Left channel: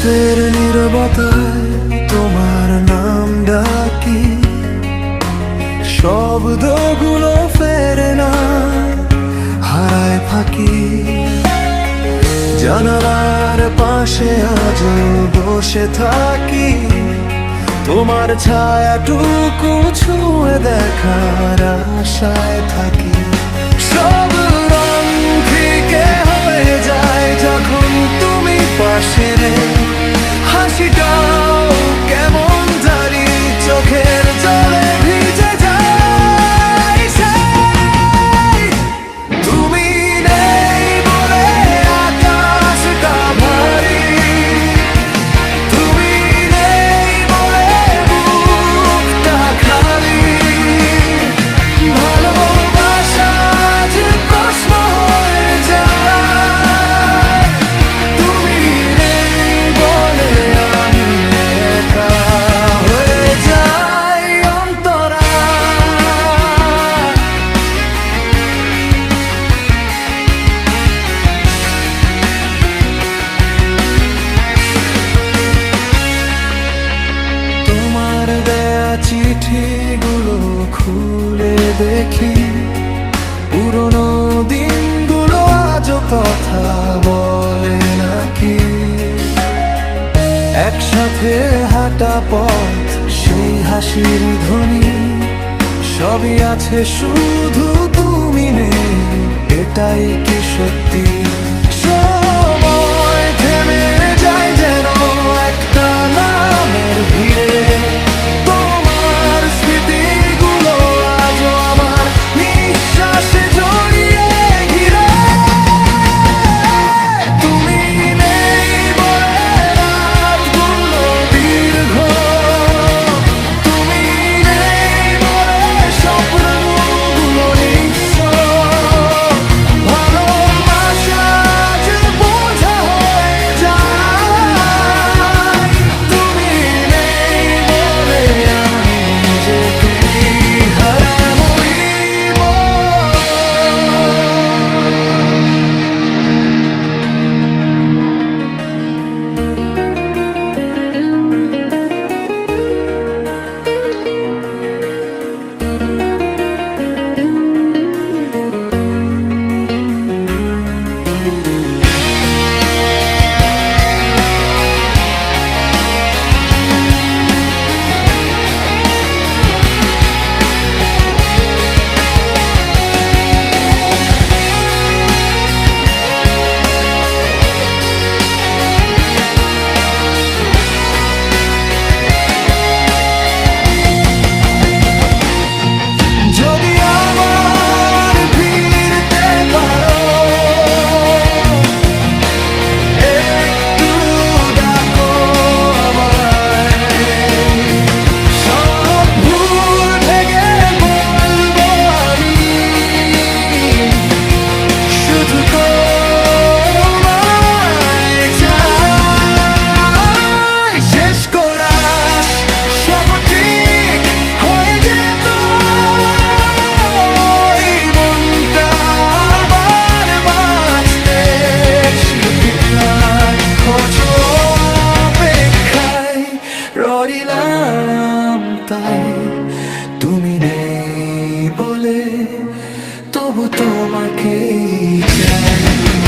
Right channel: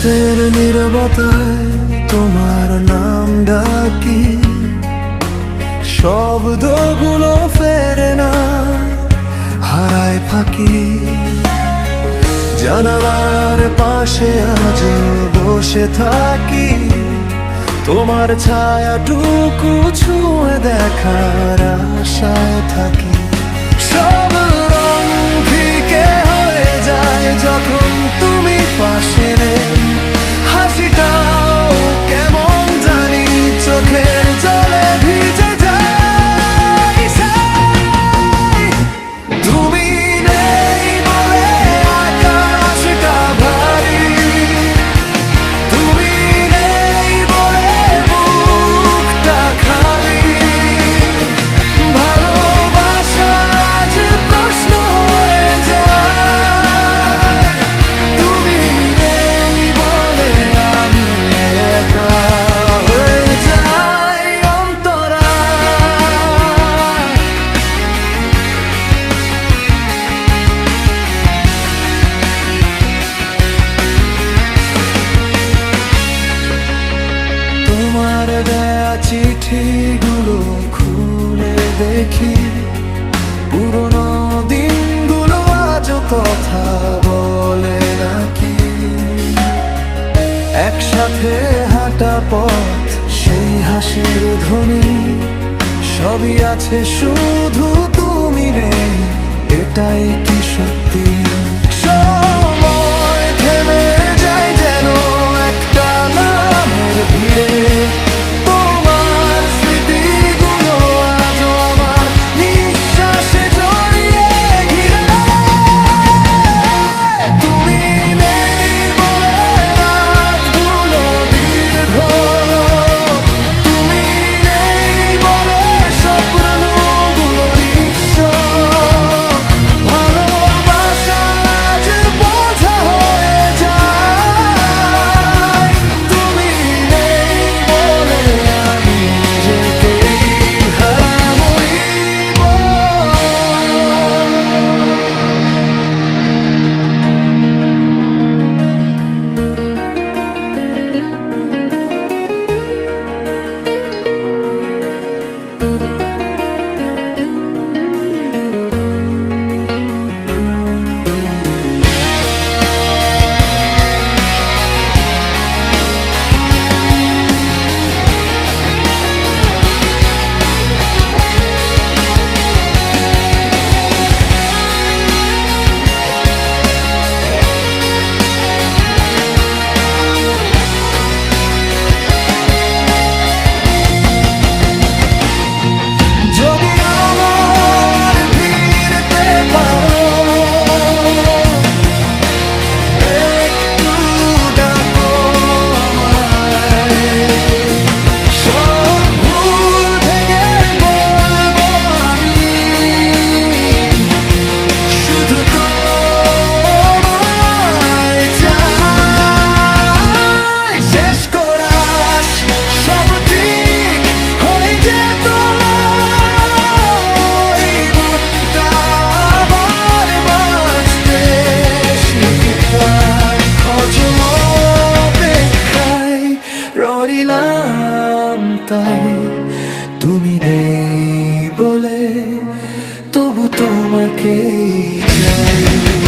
রাতের নীরবতায় তোমার নাম ডাকি। শব্দগুলো ফেরে না হারায় ফাঁকি। জানালার পাশে আজ বসে থাকি। তোমার ছায়াটুকু ছুঁয়ে দেখার আশায় থাকি। সব রং ফিকে যখন তুমি পাশে রে হাসিটাও চিঠিগুলো খুলে দেখি। পুরনো দিনগুলো আজও কথা বলে নাকি? একসাথে হাঁটা পথ, সেই হাসির ধ্বনি, সবই আছে শুধু তুমি নেই, এটাই কি সত্যি? রইলাম তাই। তুমি নেই বলে তবু তোমাকেই চাই।